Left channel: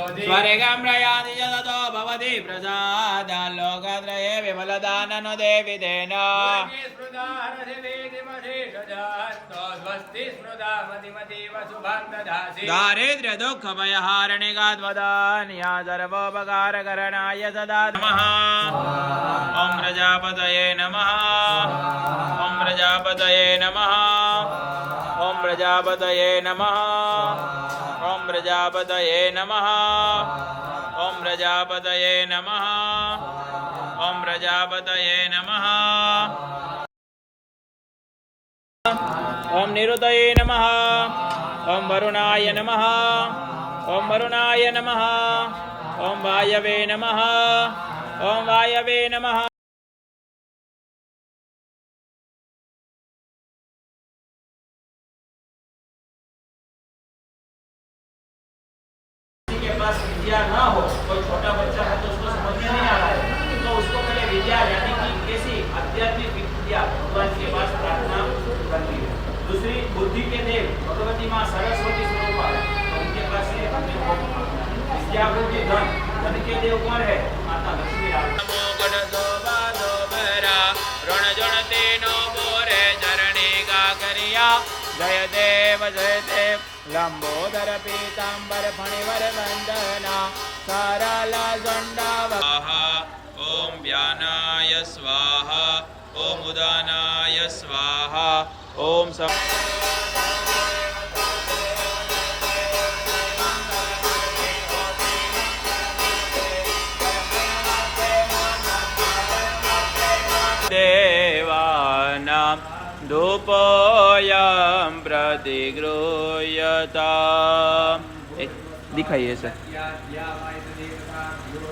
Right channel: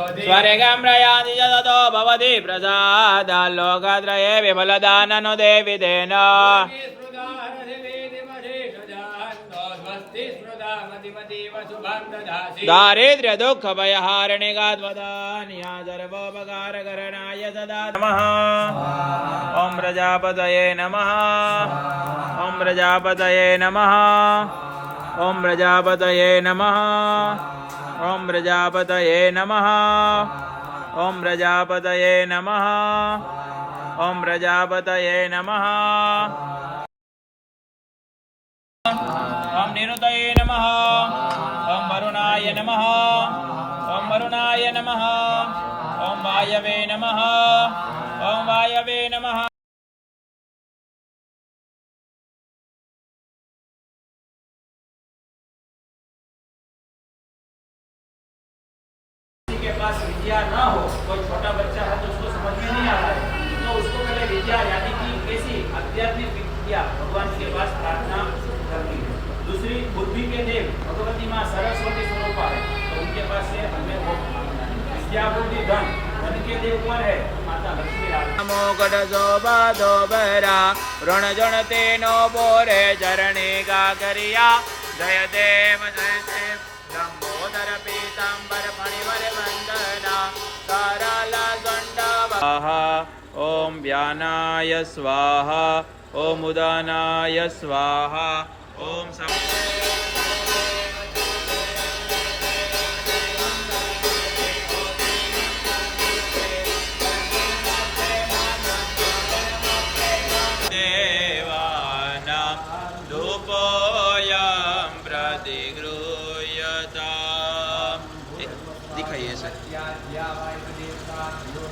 स्वर्गं प्रयाति च ततो भवति प्रसादात् लोकत्रये विमलदाननो देवितेन दारिद्र्य दुःख भयहारिणिकात्मदान्या सर्वोपकारकरणाय सदा नमः। ॐ प्रजापतये नमः। ॐ प्रजापतये नमः। ॐ प्रजापतये नमः। ॐ प्रजापतये नमः। ॐ प्रजापतये नमः। ॐ प्रजापतये नमः। ॐ निरुतये नमः। ॐ वरुणाय नमः। ॐ वरुणाय नमः। ॐ वायवे नमः। ॐ वायवे नमः। के पास विद्या ना हो, कोई छोटा बच्चा है तो उसको समझ में नहीं आ रहा है, तो उसको पहले विद्या यानी कि कैसी आध्यात्मिक विद्या भगवान के पास प्रार्थना करनी है। दूसरी बुद्धि के देव भगवती माँ सरस्वती स्वरूप है, तो उनके पास से हमें वो मांगना है। विद्या बुद्धि धन धन के देव पर है माता लक्ष्मी। नमो गणजो बाधो बहरा ऋण जन तेनो बोरे चरणे का करिया जय देव लंबोदर पीतांबर फणिवर कंदना साराला दंडा। ओम व्यानाय स्वाहा। ओम उदानाय स्वाहा। ओम देवानां धूपोऽयं प्रतिगृह्यता। दिखाइए सर,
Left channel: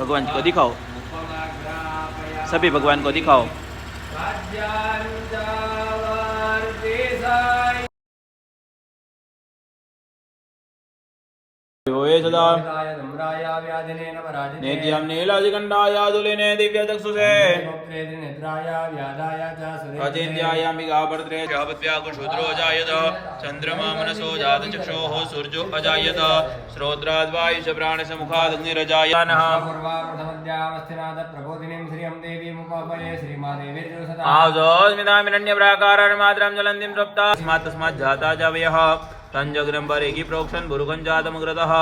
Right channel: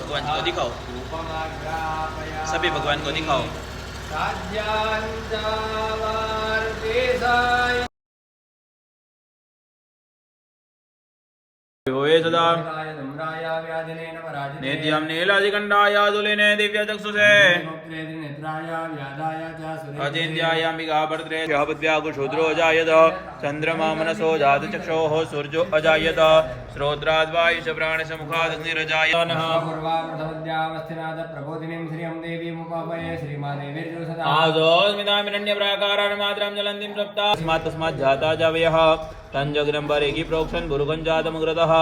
भगवान को दिखाओ, सभी भगवान को दिखाओ। होए सदा नेत्यं नीलादिकण्ठाय तुलिने दिव्यचक्षुषे अचिन्त्यायाम्बिका भर्त्रे जायत चन्द्रमा मनसो जातचक्षोः सूर्यो अजायत श्रोत्राद्वायुष प्राणसमुखादग्निरजायनः आदोस्मितामिरण्यप्राकारमात्रं ज्वलन्तीं तस्मात् जाता जावयः तंजग्रंबरेगी प्रोक्षण गुरुगं जातमुग्रतः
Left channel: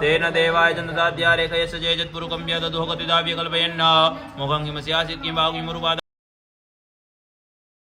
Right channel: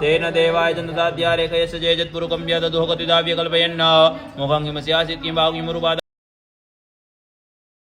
तेन देवाय जनताद्या रेखयस्य जेजत् पुरुकं यदधोगतिदाव्य कल्पयन् मुखं किमस्यासीत् किं भागि मुरुपाद